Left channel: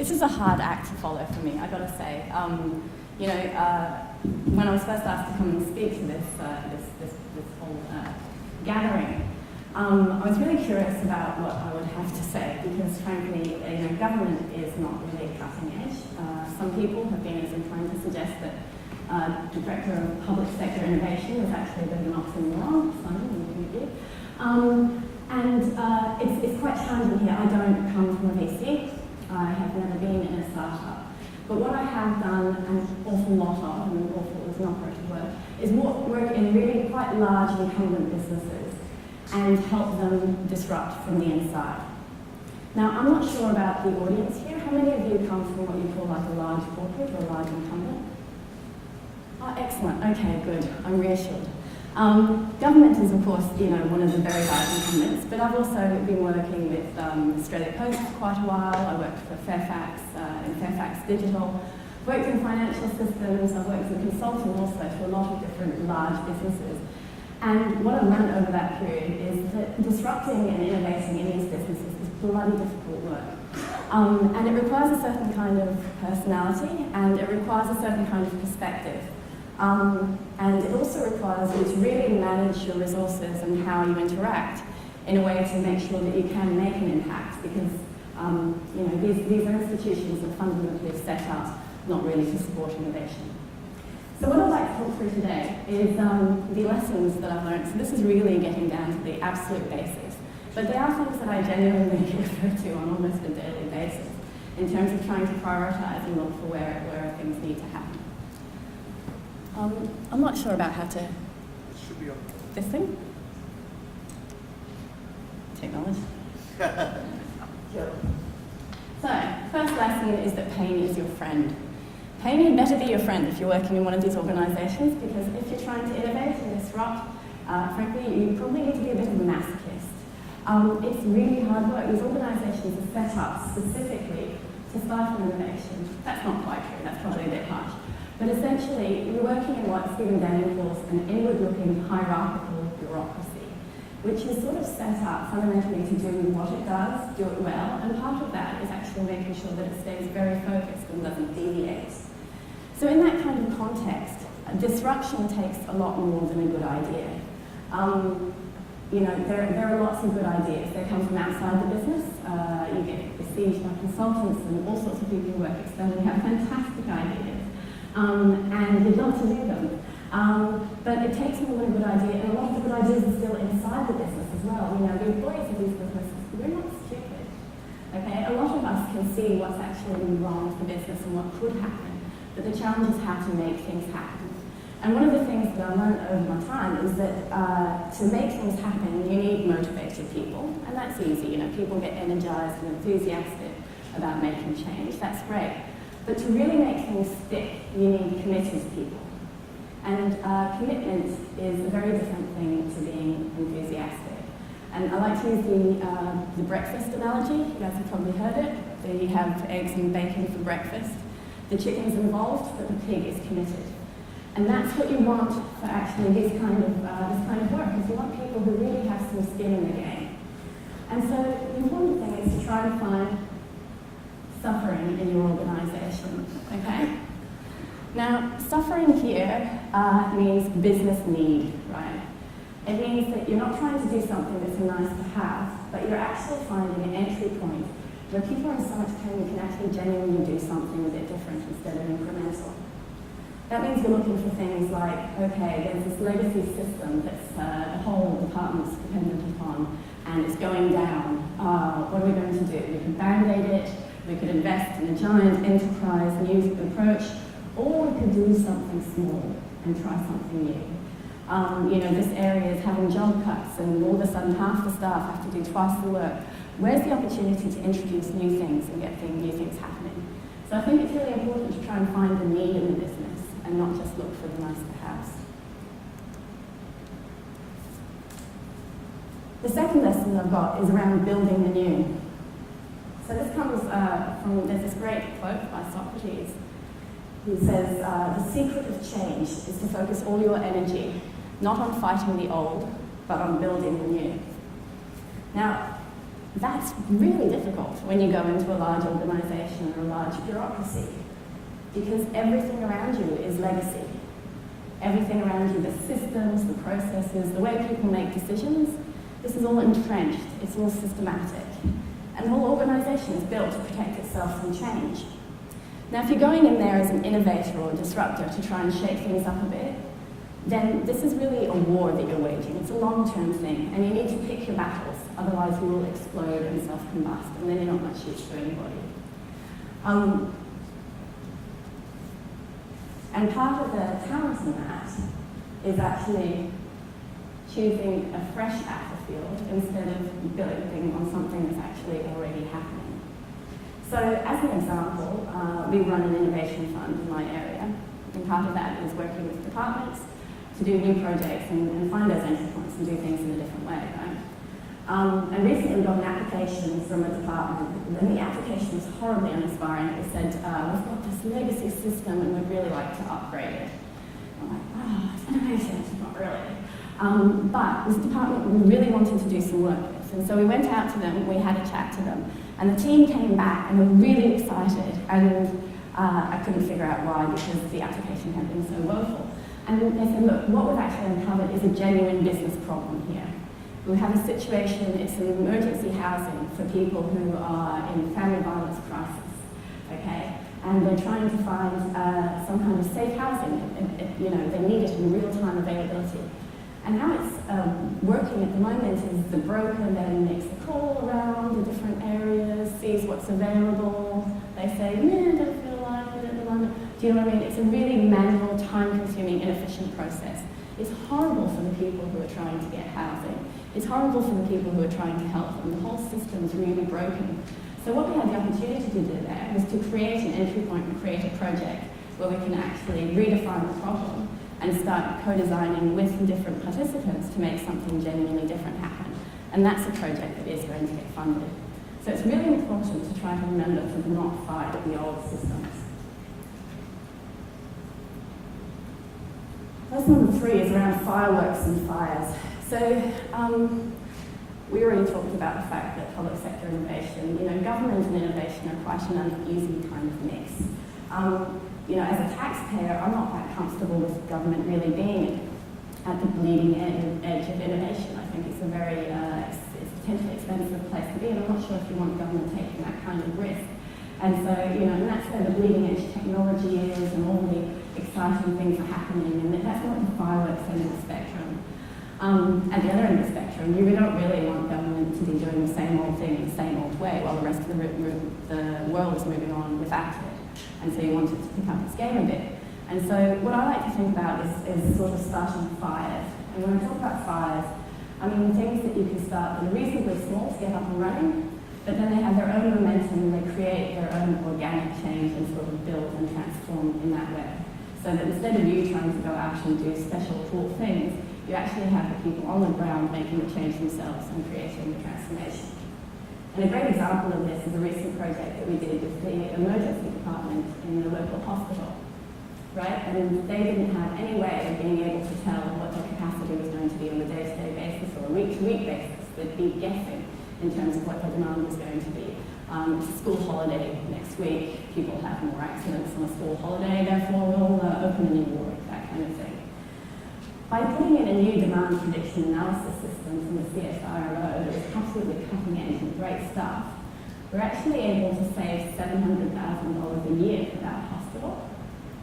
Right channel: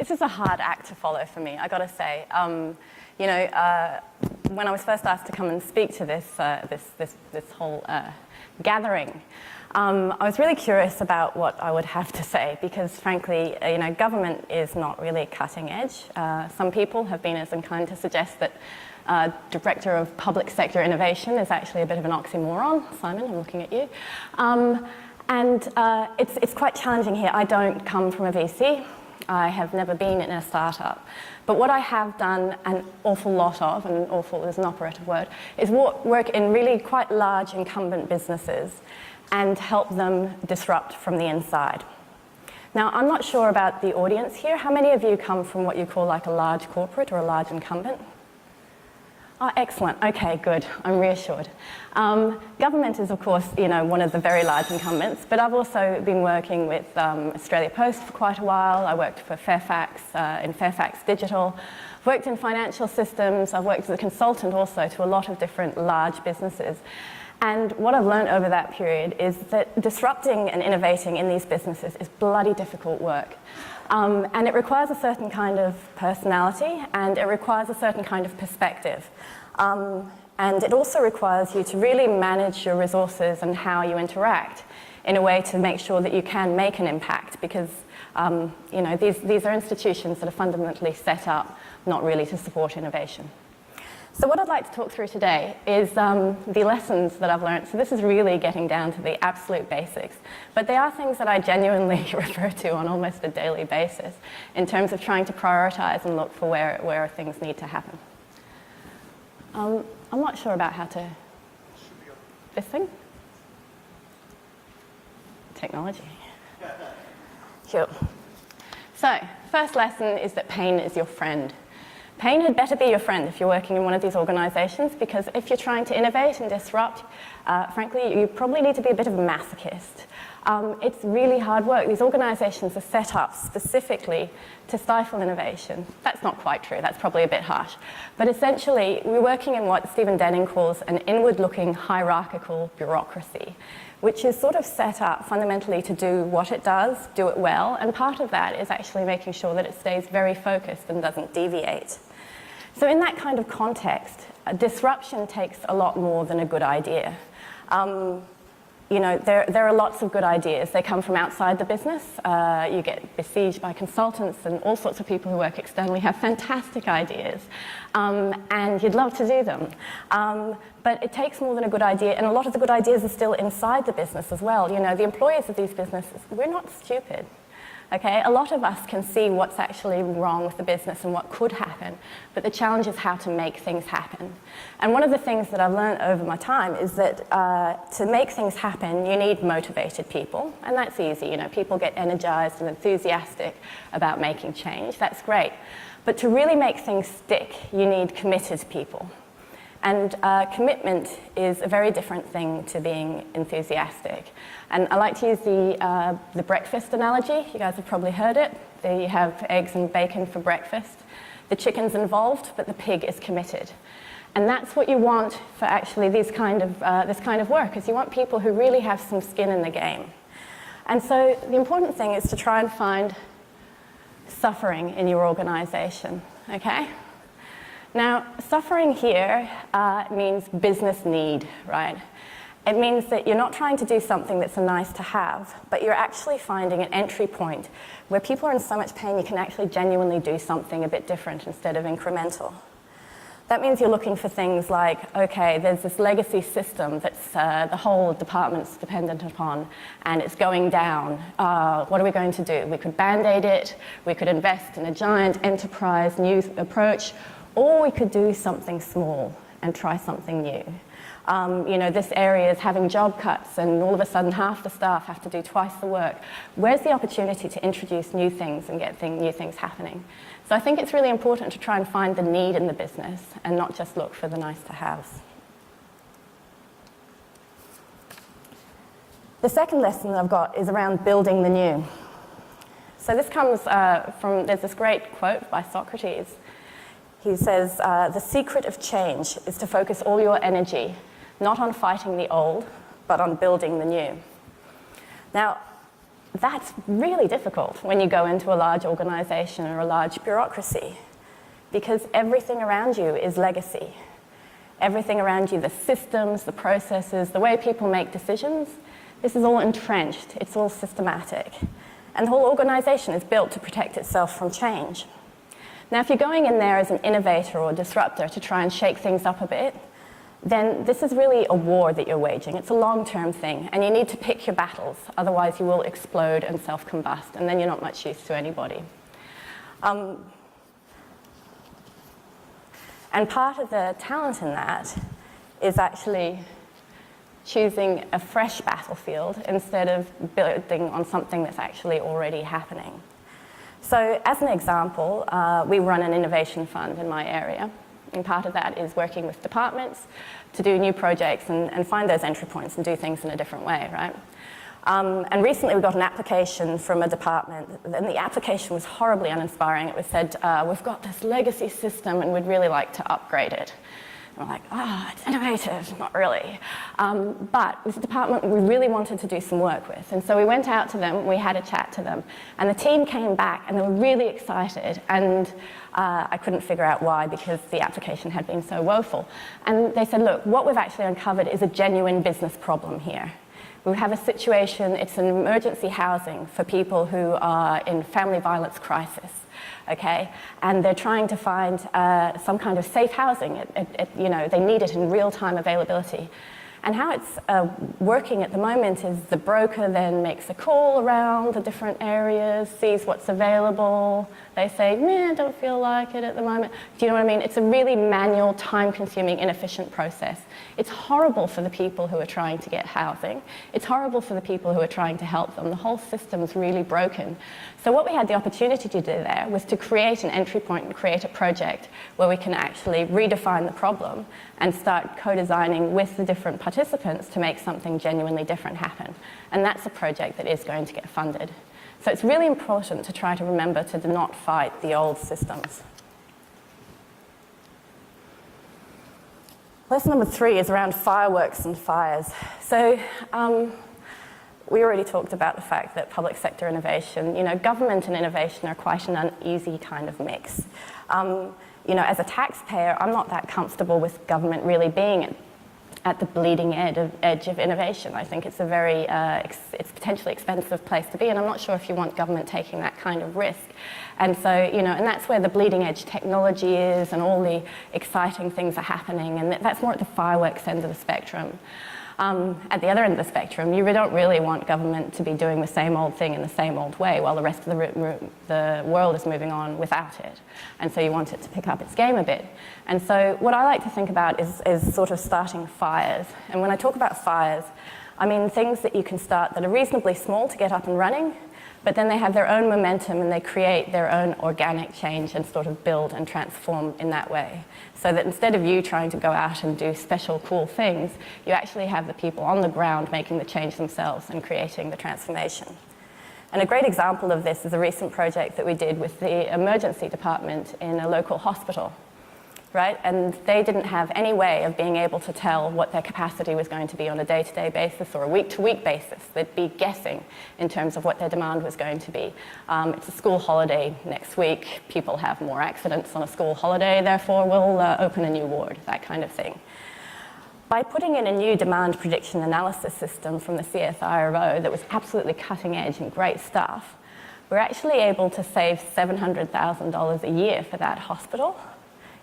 This is a hard act to follow for me, I got to say. When I was first asked to come and speak to this whole gathering, I was really curious about what I would have to say because, frankly, government is not really cutting edge. Some people have been as inclined to suggest that Director of Public Sector Innovation is actually a bit of an oxymoron. Simon, I'm looking at you. It's quite challenging here. I don't come from a VC. I have never been in a startup. But what I have done an awful lot of, and awful is an operative word, is work in really quite large incumbent businesses and help them disrupt from the inside. Now, I'm not sure about the audience here. How many of you come from what you call like a large corporate or a large incumbent? Oh, excellent. Okay, good. I'm reassured. Government is, of course, one of the very large incumbents, but I've also been working with Australia Post for quite a while. I worked for Fairfax, in Fairfax Digital. I've worked in financial systems. I've worked as a consultant also to a lot of different large businesses. And what I've learned over that period is that disrupting and innovating in these businesses is bloody difficult work. And it requires a certain kind of personality, and it requires a certain kind of perspective. And it also requires you to really manage your resources and how you interact in a way to make sure that you can make an impact because these are institutions that are fundamentally set up not really to support innovation. So what I'd like to talk through today is the lessons that I've learned. So this is really getting down to the absolute basics. But they are things that I genuinely refer to on almost a daily basis in terms of trying to prioritize and look for where things need to happen. I'm not sure about how to... Should be on. This thing? Technology. Sure. So, first lesson is that pain is your friend. Pain had better be your friend if you're working in one of these organizations because if you're trying to innovate and disrupt, frankly, you probably need to be a bit of a masochist. It's really hard work. These organizations are set up specifically to stifle innovation. That's not quite true. That's probably a bit harsh. But essentially, we're working in what Stephen Denning calls an inward-looking hierarchical bureaucracy, which is sort of set up fundamentally to do what it does, do it well, and part of that is actually making sure that it stays very focused and doesn't deviate. So in that kind of context, disruption takes a lot more than a good idea. There are lots of good ideas. They come from outside the business. You get besieged by consultants and all sorts of people who work externally have fantastic ideas. And you'd love to do them. But it takes more than a good idea, and a lot of the good ideas are still inside the business as well. The employers of these businesses, we're not stupid. Okay? A lot of us can see what's actually wrong with the business and what could happen, but the challenge is how to make things happen. And one of the things that I've learned over my time is that to make things happen, you need motivated people, and that's easy. People get energized and enthusiastic about making change. That's great. But to really make things stick, you need committed people. And commitment is a very different thing to being enthusiastic. And I like to use the breakfast analogy. You guys have probably heard it. There you have eggs and bacon for breakfast. The chicken's involved, but the pig is committed. And that's what you want for actually this kind of work, is you want people who really have some skin in the game. And so the important thing is to try and find suffering in your organization, okay? Now, suffering here means business need, right? It means that you're not trying to do something that's a nice to have, but you're actually finding an entry point where people are in so much pain you can actually genuinely do something a bit different instead of incremental. That means you're looking for things like, okay, there's this legacy system that's the whole department's dependent upon, and it's going down. What are we going to do? We could band-aid it, we could invest in a giant enterprise new approach, or we could do something small and try something new. This area is having job cuts, and all of a sudden half the staff have to do twice the work. Where's the opportunity to introduce new things and get new things happening? So I think it's really important to try and find the need in the business and not just look for the nice-to-haves. The second lesson I've got is around building the new. So this comes there's this great quote by Socrates. He says, the secret of change is to focus all your energy, not on fighting the old, but on building the new. Now, That's really difficult when you go into a large organisation or a large bureaucracy, because everything around you is legacy. Everything around you, the systems, the processes, the way people make decisions, this is all entrenched, it's all systematic. And the whole organisation is built to protect itself from change. Now, if you're going in there as an innovator or disruptor to try and shake things up a bit, then this is really a war that you're waging. It's a long-term thing, and you need to pick your battles, otherwise you will explode and self-combust, and then you're not much use to anybody. And part of the talent in that is actually choosing a fresh battlefield instead of building on something that's actually already happening. So as an example, we run an innovation fund in my area, and part of that is working with departments to do new projects and find those entry points and do things in a different way, right? And recently we got an application from a department, and the application was horribly uninspiring. It was said, we've got this legacy system and we'd really like to upgrade it. And we're like, it's innovative, not really. But this department we really wanted to do some work with. And so we went out to them, we had a chat to them, and the team came back and they were really excited. And I couldn't figure out why, because the application had been so woeful. And they said, look, what we've actually uncovered is a genuine business problem here. We have a situation, it's an emergency housing for people who are in family violence crisis, okay? And they're trying to find some kind of safe housing. They need it in real-time availability. And how it's working at the moment is the broker then makes a call around the different areas, sees what's available. They say, I don't feel like it at the moment. Do you know what I mean? It's a really manual, time-consuming, inefficient process. It's horrible for the people who are trying to get housing. It's horrible for the people who are trying to help them. The whole system's really broken. So what we had the opportunity to do there was to create an entry point and create a project where we can actually redefine the problem and start co-designing with the different participants to make something genuinely different happen. And that's a project that is going to get funded. So it's really important to try to remember to not fight the old systems. Lesson number 3 is around fireworks and fires. So we already talked about the fact that public sector innovation, government and innovation are quite an uneasy kind of mix. As a taxpayer, I'm not that comfortable with government really being at the bleeding edge of innovation. I think it's a very, it's potentially expensive place to be, and I'm not sure if you want government taking that kind of risk. And so, and that's where the bleeding edge technology is, and all the exciting things are happening, and that's more at the fireworks end of the spectrum. At the other end of the spectrum, you don't really want government to be doing the same old thing in the same old way while the rest of the world is moving on without it. And so you want it to pick up its game a bit. And so what I like to think about is sort of starting fires. And when I talk about fires, I mean things that you can start that are reasonably small to get up and running, but then they have their own momentum and they create their own organic change and sort of build and transform in that way. So that instead of you trying to go out and do special cool things, you actually have the people on the ground making the change themselves and creating the transformation. And a great example of this is a recent project that we did with the emergency department in a local hospital, right? And they didn't have any way of being able to tell what their capacity was going to be on a day-to-day basis or a week-to-week basis. They'd be guessing in terms of what their demand was going to be. It's a school holiday next week. People have more accidents on a school holiday, therefore we'll open a new ward, that kind of thing. By putting in a new demand prediction analysis system from the CSIRO that was absolutely cutting edge and great stuff, we're actually able to save $700,000 a year for that hospital.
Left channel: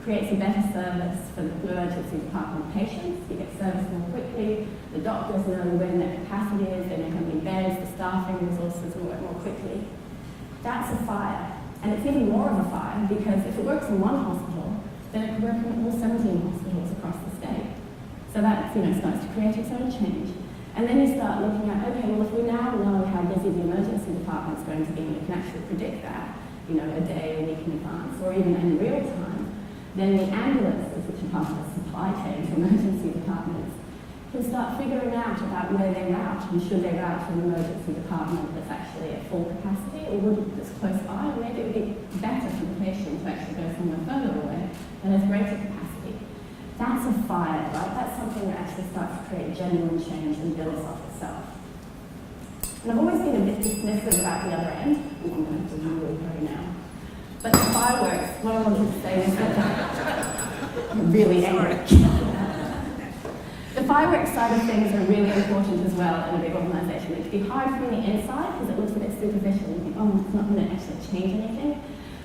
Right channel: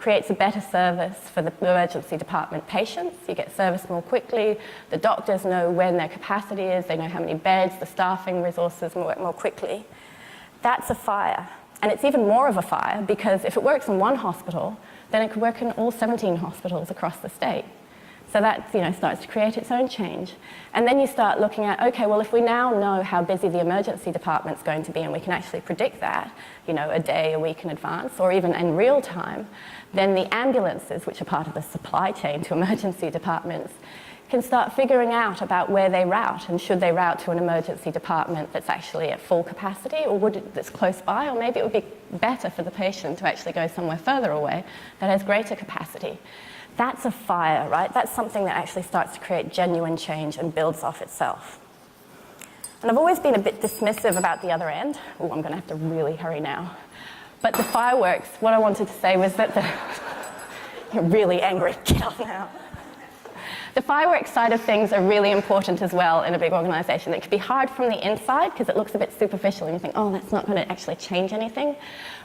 Creates a better service for the emergency department patients. You get service more quickly. The doctors know when their capacity is. They know how many beds, the staffing resources work more quickly. That's a fire. And it's even more of a fire because if it works in one hospital, then it could work in all 17 hospitals across the state. So that starts to create its own change. And then you start looking at, okay, well, if we now know how busy the emergency department's going to be and we can actually predict that, a day, a week in advance, or even in real time, then the ambulances, which are part of the supply chain to emergency departments, can start figuring out about where they route, and should they route to an emergency department that's actually at full capacity, or that's close by, or maybe it would be better for the patient to actually go somewhere further away that has greater capacity. That's a fire, right? That's something that actually starts to create genuine change and builds off itself. And I've always been a bit dismissive about the other end. Oh, I'm going to have to really hurry now. But the fireworks, what I wanted to say was that you're really angry. Get off now. The fireworks side of things are really important as well in a big organisation. It can be hard from the inside because it looks a bit superficial and you think, oh, that's not going to actually change anything.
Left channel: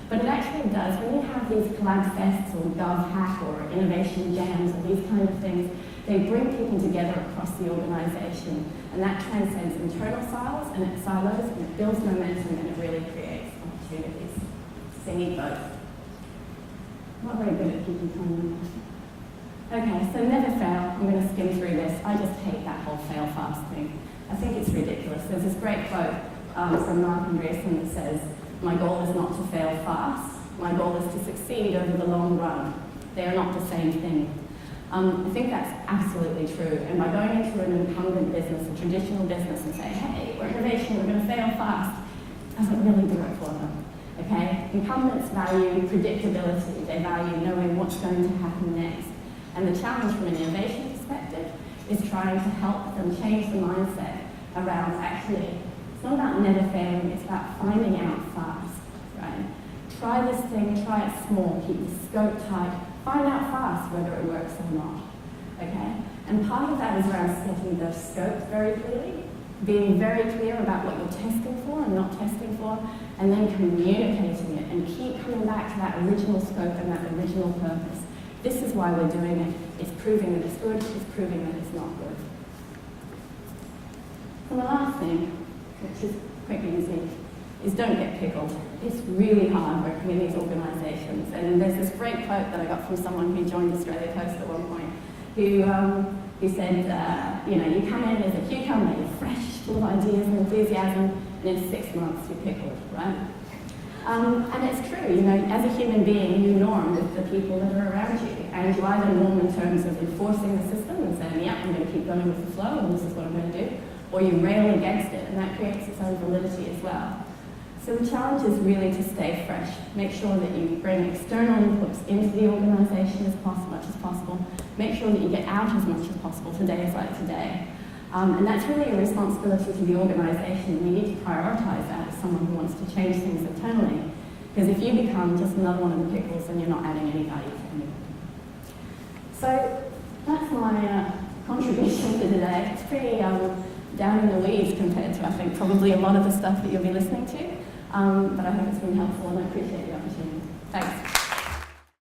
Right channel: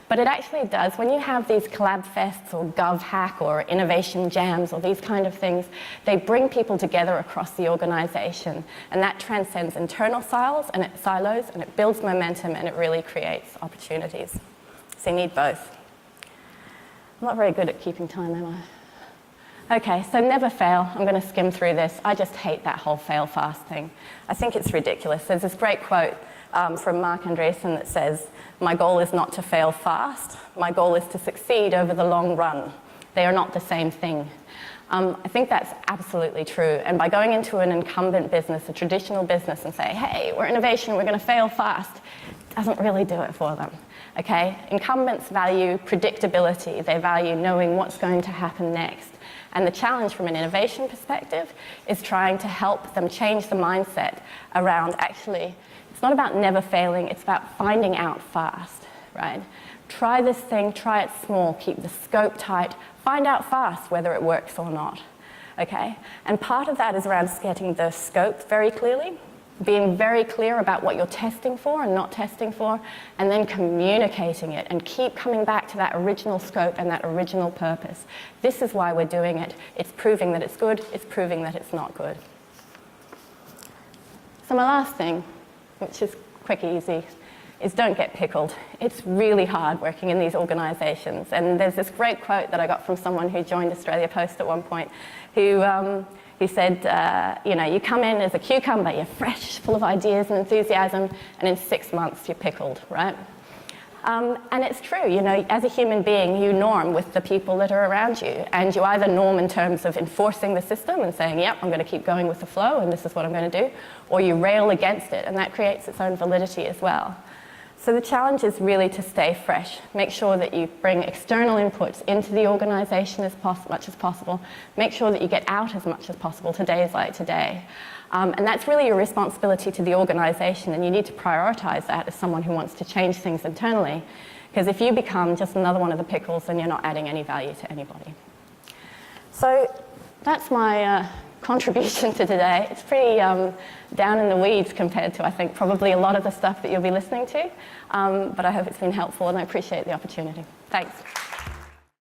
But it actually does. When you have these collab fests or GovHack or innovation jams or these kind of things, they bring people together across the organisation, and that transcends internal silos and it builds momentum and it really creates opportunities. So you need both. I'm not very good at keeping time, am I? Okay, so never fail. I'm going to skim through this. I just hate that whole fail fast thing. I think it's ridiculous. There's this great quote from Mark Andreessen that says, "My goal is not to fail fast. My goal is to succeed over the long run. They are not the same thing." I think that's absolutely true. And by going into an incumbent business, a traditional business, and say, hey, we're innovation, we're going to fail fast, doesn't really do it for them. Okay? Incumbents value predictability. They value knowing what's going to happen next. And the challenge from an innovation perspective is trying to help them change the mindset around actually, it's not about never failing, it's about finding out fast, right? Try this thing, try it small, keep the scope tight, find out fast whether it works or not, okay? And part of that is around getting the scope very clearly, being very clear about what you're testing for and not testing for, and then communicating it and keep coming back to that original scope and that original purpose. This is why we're doing it. It's proving that it's good, it's proving that it's not good. So my last thing, which is quick and easy, is don't get pickled. It's really hard working in these organisations. And there's this great quote that I got from someone who joined Australia Post at one point, who said, you come in as a cucumber, you're fresh, full of ideas and enthusiasm, and in 6 months you're pickled, right? And it's true, as a human being, you norm with the people that are around you, and you either norm in terms of enforcing the system and saying, yep, I'm going to keep going with the flow, and this is what I'm going to do, or you rail against it, and that creates its own validity as well. So the challenge is really to stay fresh. Make sure that you bring external inputs into the organisation as much as possible. Make sure that you get out as much as possible to days like today. And that's really your responsibility to the organisation, and you need to prioritise that as someone who wants to change things internally. Because if you become just another one of the pickles, then you're not adding any value to anybody. So that's my contribution to today. It's pretty down in the weeds compared to, I think, probably a lot of the stuff that you'll be listening to. But I hope it's been helpful, and I appreciate the opportunity. Thanks.